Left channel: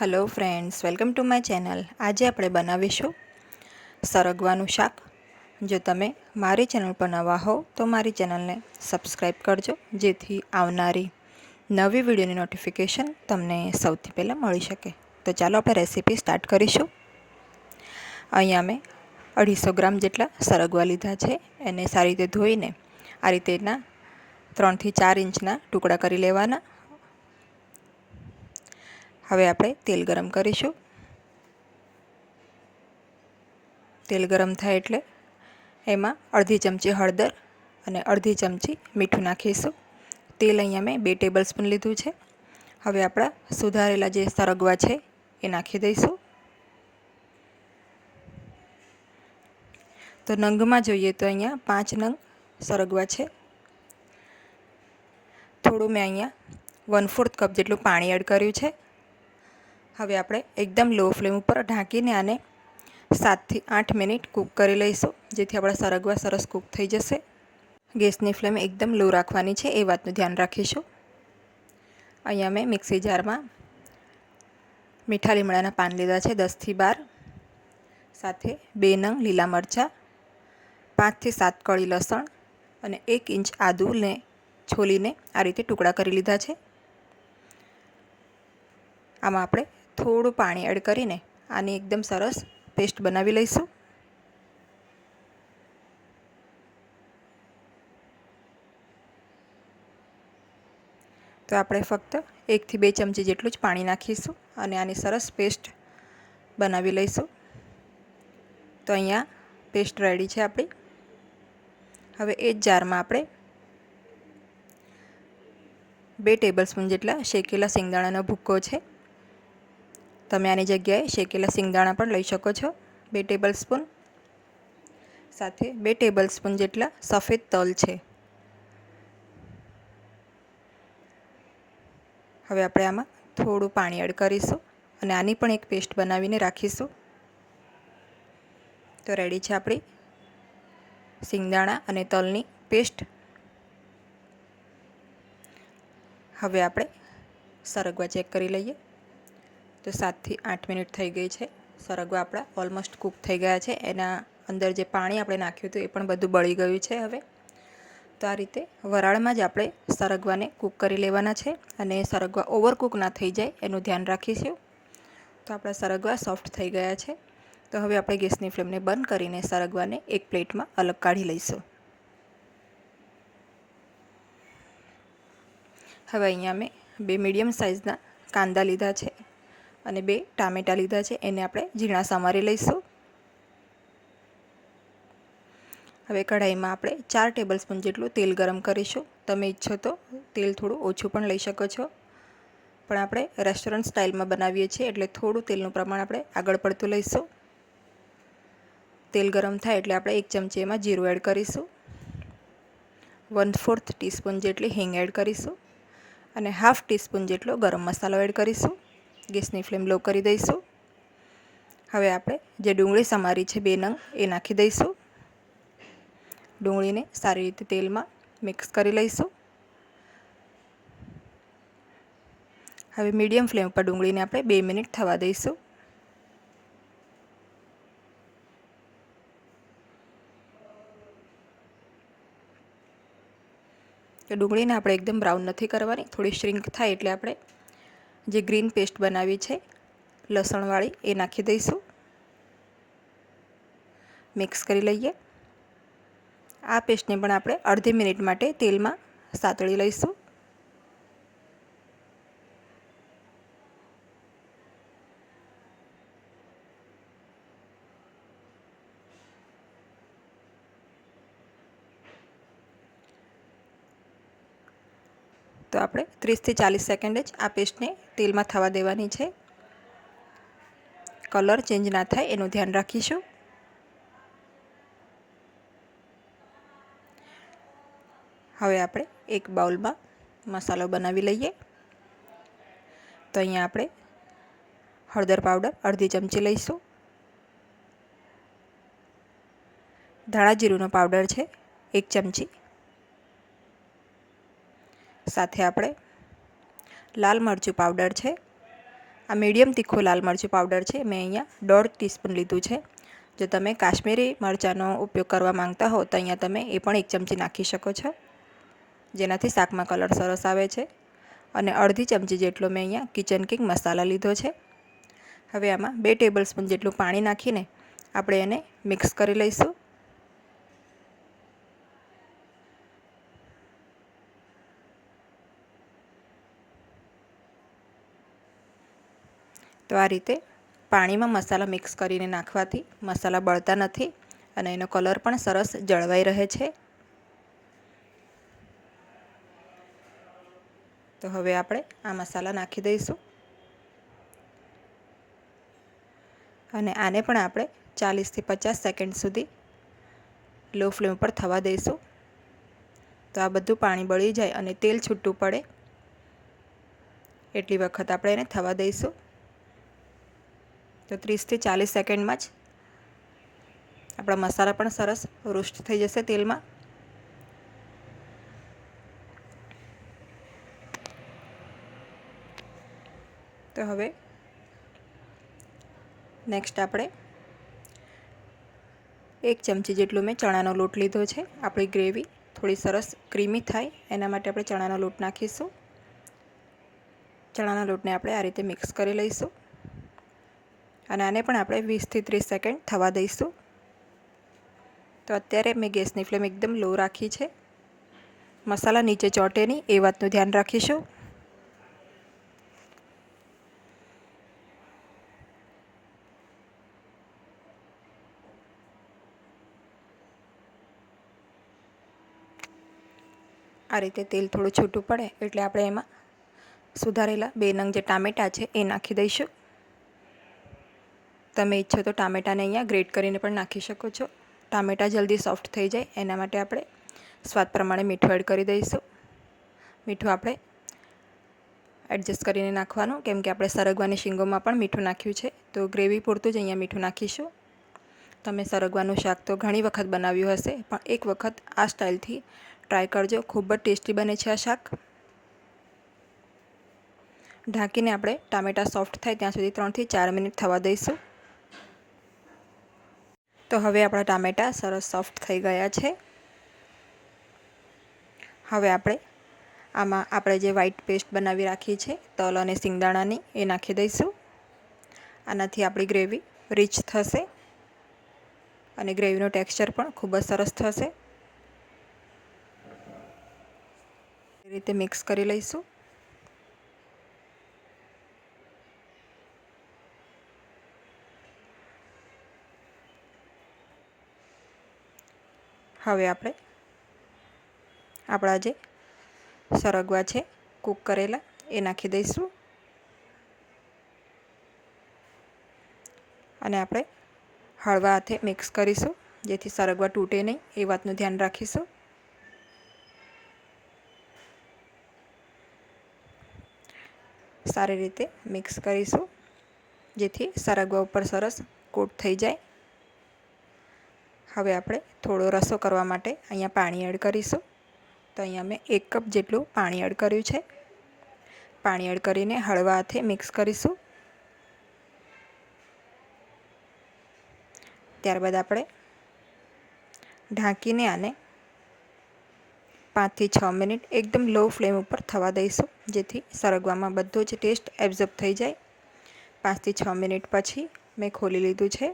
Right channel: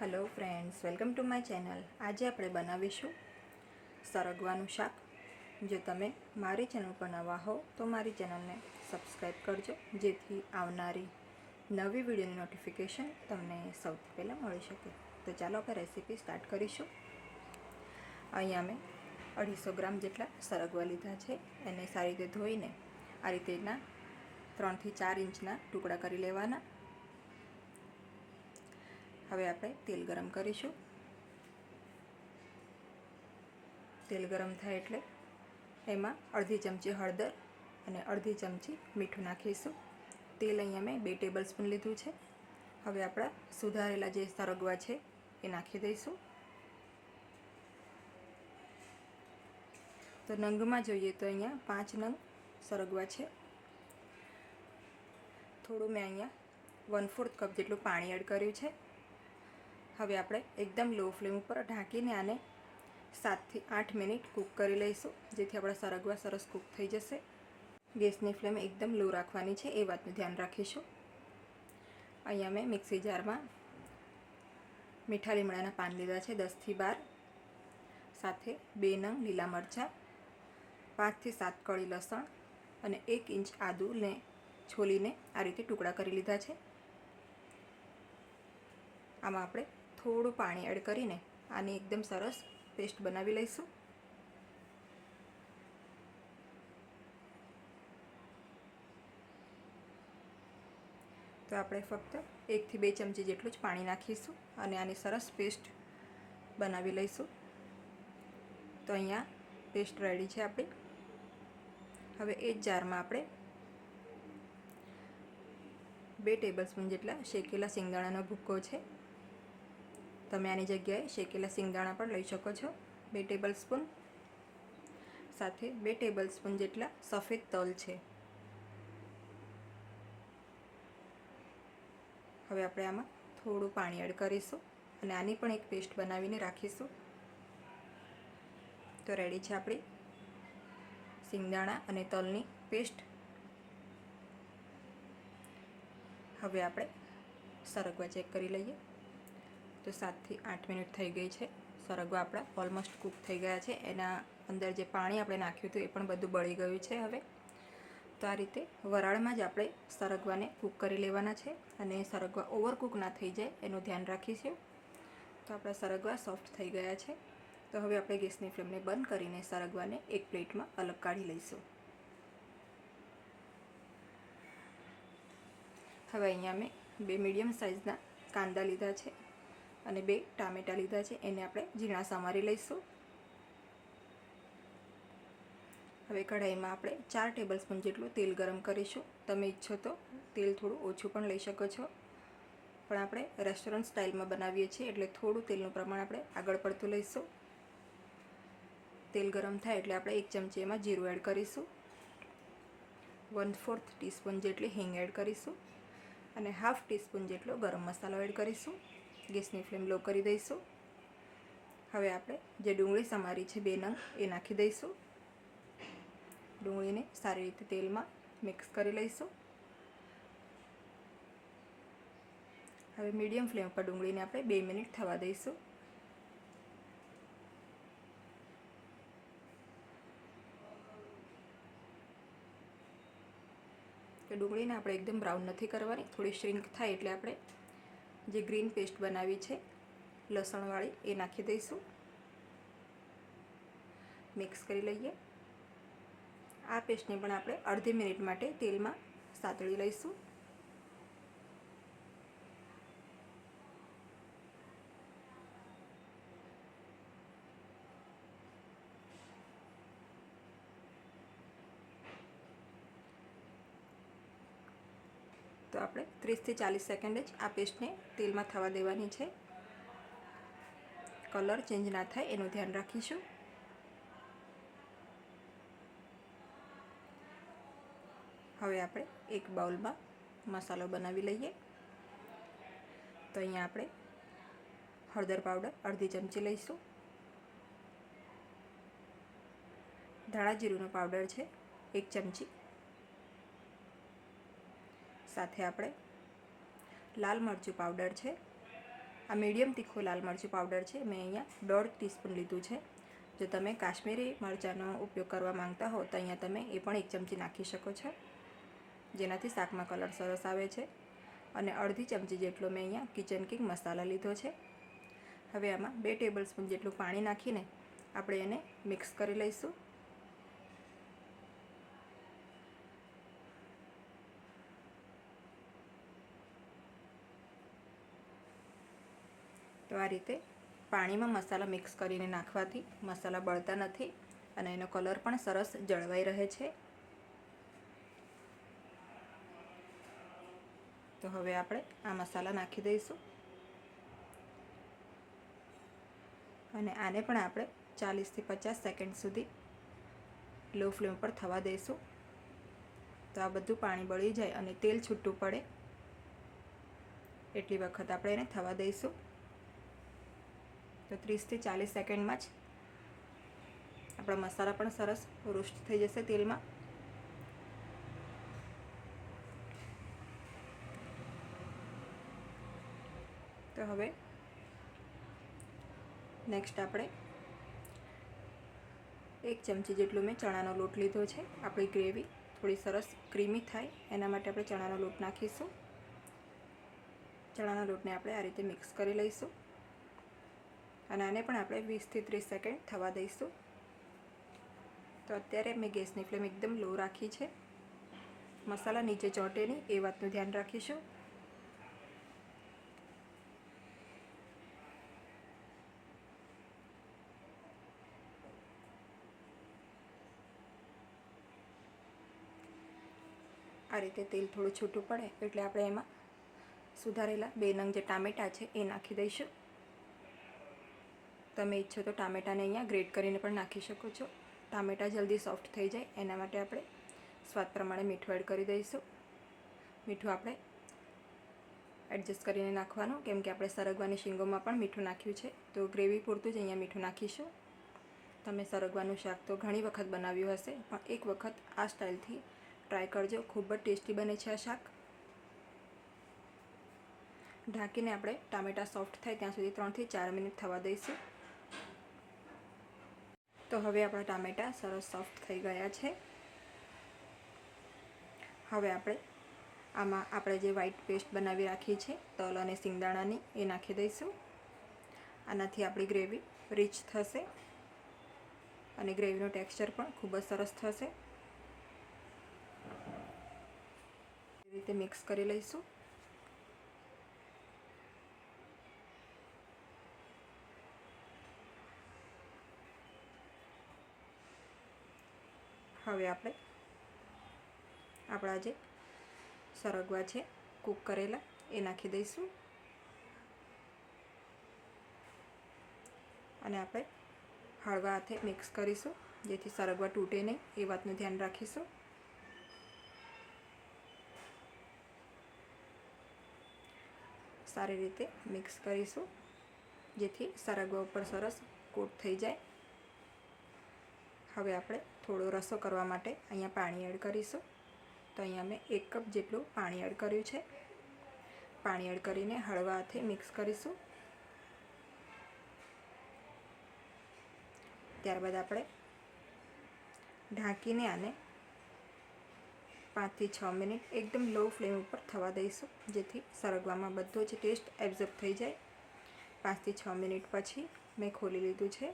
Hello friends welcome to my channel આજે આપણે બનાવીશું સરગવાનું શાક. જો તમે મારી ચેનલ પર નવા હો, તો મારી ચેનલને સબસ્ક્રાઈબ કરજો, જેથી આવનારી નવી વિડીયોની નોટિફિકેશન તમને સૌથી પહેલાં મળી શકે. તો ચાલો આપણે રેસીપી સ્ટાર્ટ કરીશું. અહીંયા મેં અઢીસો ગ્રામ જેટલા સરગવા લીધા છે. એને સારી રીતે ધોઈને આ રીતેના ત્રણથી ચાર ઇંચના ટુકડા કરી લેવાના. હવે આપણે તેલ ગરમ કરીશું. તેલ ગરમ થાય એટલે એમાં અડધી ચમચી હળદર અને અડધી ચમચી મીઠું નાખીશું. તેલ અહીંયા મેં બે ટેબલ સ્પૂન લીધું છે. હવે આપણા સુધારેલા જે સરગવા છે એ નાખી દઈશું. તો નંગમાં જોઈએ તો અહીંયા પાંચ નંગ સરગવા છે. થોડું મેં અહીંયા વન ફોર્થ કપ જેટલું પાણી એડ કર્યું છે. હવે આપણે એકદમ લો ફ્લેમ ઉપર ઢાંકીને આને સાતથી આઠ મિનિટ કૂક કરી લઈશું, જેથી આપણા સરગવા સરસ કૂક થઈ જશે. ગેસની ફ્લેમ એકદમ લો રાખવાની છે, એ વાતનું ધ્યાન રાખીશું. અહીંયા મેં મિક્સી જારમાં મીઠા લીમડાના પાન લીધા છે, દસથી બાર. સાથે બે નંગ લીલા મરચાં, પાંચથી સાત કળી લસણ અને એક ઇંચ આદુને છોલીને આ રીતે ટુકડા કરી લીધા છે. આમાં આપણે થોડું પાણી એડ કરીને આની એકદમ સરસ પેસ્ટ બનાવી લઈશું. તો આપણે ફક્ત એકથી બે ચમચી જેટલું જ પાણી નાખીશું અને આની સરસ પેસ્ટ બનાવી લઈશું. તો અહીંયા પેસ્ટ રેડી છે આપણી. હવે એ જ જારમાં આપણે બે ટેબલ સ્પૂન જેટલા શેકેલા સિંગદાણાનો ભૂક્કો છે. તમે આની જગ્યાએ શેકેલા સિંગદાણા પણ લઈ શકો છો. બે ટેબલ સ્પૂન સાથે બે ટેબલ સ્પૂન જેટલા સફેદ તલ છે. હવે આપણે આમાં થોડું પાણી એડ કરીશું અને આની પણ એક પેસ્ટ બનાવીને રાખીશું. તો રેડી છે આપણી સિંગદાણા અને તલની પેસ્ટ. હવે આપણે સરગવા ચેક કરી લઈએ. તો સાતથી આઠ મિનિટ થઈ ગઈ છે. સરગવા આપણા ઓલમોસ્ટ કૂક થઈ ગયા છે. એના અંદર જે પાણી આપણે નાખ્યું હતું એ પણ બધું બળી ગયું છે હવે. તો આ રીતે વરાળમાં જ આપણે સરગવાને કૂક કરી લેવાના છે અને સરગવા ઓવરકૂક ના થઈ જાય એનું ધ્યાન રાખીશું. તો આપણા સરગવા સોફ્ટ થઈ ગયા છે. તો હવે આપણે ગેસની ફ્લેમને બંધ કરીને સરગવાને એક પ્લેટમાં અલગ કાઢી લઈશું. હવે અહીંયા મેં બે મીડિયમ સાઇઝના કાંદા લીધા છે. અને બે ટામેટાં લીધા છે, એને આપણે ઝીણા સમારી લઈશું. હવે કઢાઈમાં આપણે ચાર ટેબલ સ્પૂન જેટલું તેલ ગરમ કરીશું. તમે ઈચ્છો તો તેલ થોડું ઓછું પણ લઈ શકો છો. પણ આપણે રેસ્ટોરન્ટ સ્ટાઇલમાં બનાવીએ છીએ, એટલે થોડું તેલનું પ્રમાણ આપણે આગળ પડતું લઈશું. તેલ ગરમ થાય એટલે આપણે એક ચમચી એમાં જીરું એડ કરીશું. વન ફોર્થ ટીસ્પૂન જેટલી હિંગ એડ કરીશું. અને હાફ ટીસ્પૂન જેટલો ગરમ મસાલો એડ કરીશું. ગેસની ફ્લેમ લો કરી દઈશું. હવે આપણે જે ડુંગળી સમારી છે બે નંગ, એ નાખી દઈશું. ડુંગળીને સારી રીતે તેલમાં મિક્સ કરી લઈશું. હવે મીડિયમ ફ્લેમ પર ડુંગળીને આપણે બે મિનિટ થવા દઈશું. ડુંગળીને આપણે એકદમ બ્રાઉન નથી કરવાની, થોડી શ્રિંક થાય એટલે આપણે જે ગ્રીન પેસ્ટ બનાવી છે, લસણવાળી એ નાખી દઈશું. મિક્સ કરી લઈએ. આ પેસ્ટને પણ આપણે અડધી મિનિટ માટે તેલમાં સાતળી લઈશું. તો આપણે ત્રીસથી ચાલીસ સેકન્ડ જ આ પેસ્ટને તેલમાં થવા દેવાની છે. કલર ચેન્જ ના થાય એનું ધ્યાન રાખીશું. હવે આપણે એક બાઉલમાં મસાલો બનાવી લઈએ. તો અહીંયા આપણે હળદર પાવડર અડધી ચમચી લઈશું. ધાણા જીરુંનો પાવડર છે, એક ચમચી. સાથે આપણે લાલ મરચું પાવડર છે. આ મીડિયમ તીખો લાલ મરચું પાવડર છે. મેં અહીંયા દોઢ ટીસ્પૂન લીધું છે. જો તમે કાશ્મીરી મરચાંનો ઉપયોગ કરવા માંગતા હો, તો અહીંયા તમે એ પણ એક ચમચી નાખી શકો છો. જેનાથી શાકમાં કલર સરસ આવે છે. અને અડધી ચમચી જેટલો મેં અહીંયા કિચન કિંગ મસાલા લીધો છે. હવે આમાં બે ટેબલ સ્પૂન જેટલું પાણી નાખીને આપણે એને મિક્સ કરી લઈશું. તો આ રીતે પાણીમાં મસાલા મિક્સ કરીને નાખવાથી મસાલા બળતા નથી અને એનો કલર પણ સરસ જળવાઈ રહે છે. તો હવે આપણે આ મસાલા નાખી દઈશું. અને આને પણ આપણે ચાલીસથી પચાસ સેકન્ડ સુધી લો ફ્લેમ પર થવા દઈશું. તો આ બધું પાણી બળી જાય અને તેલ છૂટું પડે. એટલી વખત આપણે એને થવા દઈશું. તો ત્રીસથી ચાલીસ સેકન્ડમાં જ આપણા મસાલા પણ સરસ રોસ્ટ થઈ જશે તેલમાં. તો હવે નેક્સ્ટ આપણે એક ચમચી જેટલું મેં ચણાનો લોટ લીધો છે. આપણી ગ્રેવી થોડી સરસ ક્રીમી થાય એના માટે આપણે ચણાનો લોટ નાખીશું. ચણાના લોટને આપણે આ રીતે મિક્સ કરી લઈશું. અને આને પણ આપણે વીસથી ત્રીસ સેકન્ડ થવા દઈશું. તો અત્યારે મેં ગેસની ફ્લેમ એકદમ લો રાખી છે. મસાલા નીચે ચોટે નહીં, એ વાતનું ધ્યાન રાખીશું. આ રીતે તેલ થોડું છૂટું પડે એટલે આપણે એમાં સુધારેલા બે નંગ જે ટામેટાં છે એ નાખી દઈશું. તમે ઈચ્છો તો ટામેટાને અહીંયા ગ્રેટ કરીને પણ નાખી શકો છો. ટામેટાં જલ્દી સોફ્ટ થઈ જાય, એના માટે આપણે સ્વાદ પ્રમાણે મીઠું એડ કરી દઈશું. મીઠું આપણે એડજસ્ટ કરીને નાખવાનું, કેમ કે આપણે સરગવાની શીંગોમાં પણ મીઠું નાખ્યું છે. તો ગ્રેવી પૂરતું જ અહીંયા મીઠું નાખીશું. તમે સરગવાનું શાક તો ઘણી વખત બનાવ્યું હશે, પણ એક વખત આ સ્ટાઇલથી ટ્રાય કરજો. ખૂબ જ ટેસ્ટી બને છે આ શાક. ઢાંકીને આપણે ટામેટાં સોફ્ટ થાય ત્યાં સુધી ત્રણથી ચાર મિનિટ થવા દઈશું. તો હવે આપણા ટામેટાં સરસ સોફ્ટ થઈ ગયા છે. હવે આપણે આમાં આપણે જે વ્હાઈટ પેસ્ટ બનાવી રાખી છે તલ અને સિંગદાણાની એ નાખી દઈશું. આનાથી આપણી ગ્રેવી રીચ થશે અને ગ્રેવીનું ટેક્સચર પણ ખૂબ જ સરસ થશે. રીતે મિક્સ કરી લઈશું. હવે આપણે આપણા જે સરગવા છે, કૂક કરેલા, એ નાખી દઈશું. અને આપણે હળવા હાથે મિક્સ કરીશું, જેથી સરગવા તૂટે નહીં, એ વાતનું ધ્યાન રાખીશું. સારી રીતે મિક્સ કરીશું, જેથી સરગવા ઉપર સરસ કોટ થઈ જાય. હવે આપણે થોડો રસો કરવા માટે અહીંયા પાણી એડ કરીશું. તો અહીંયા મેં એક કપ જેટલું પાણી એડ કર્યું છે. પાણી એડ કરીને હળવા હાથે મિક્સ કરીશું. ત્યારબાદ આપણે ઢાંકીને આને પાંચથી છ મિનિટ એકદમ લો ફ્લેમ ઉપર થવા દઈશું, જેથી સરગવામાં બધો જ ટેસ્ટ એબ્ઝોર્બ થઈ જાય. પાંચથી છ મિનિટ પછી મેં ખોલી લીધું છે.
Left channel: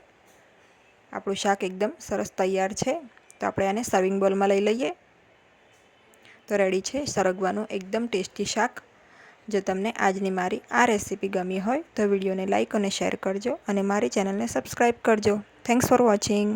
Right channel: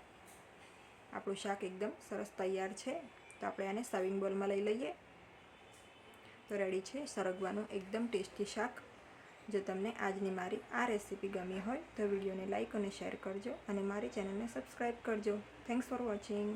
આપણું શાક એકદમ સરસ તૈયાર છે. તો આપણે આને સર્વિંગ બોલમાં લઈ લઈએ. તો રેડી છે સરગવાનું એકદમ ટેસ્ટી શાક. જો તમને આજની મારી આ રેસીપી ગમી હોય તો વિડીયોને લાઇક અને શેર કરજો અને મારી ચેનલને સબસ્ક્રાઈબ કરજો. Thanks for watching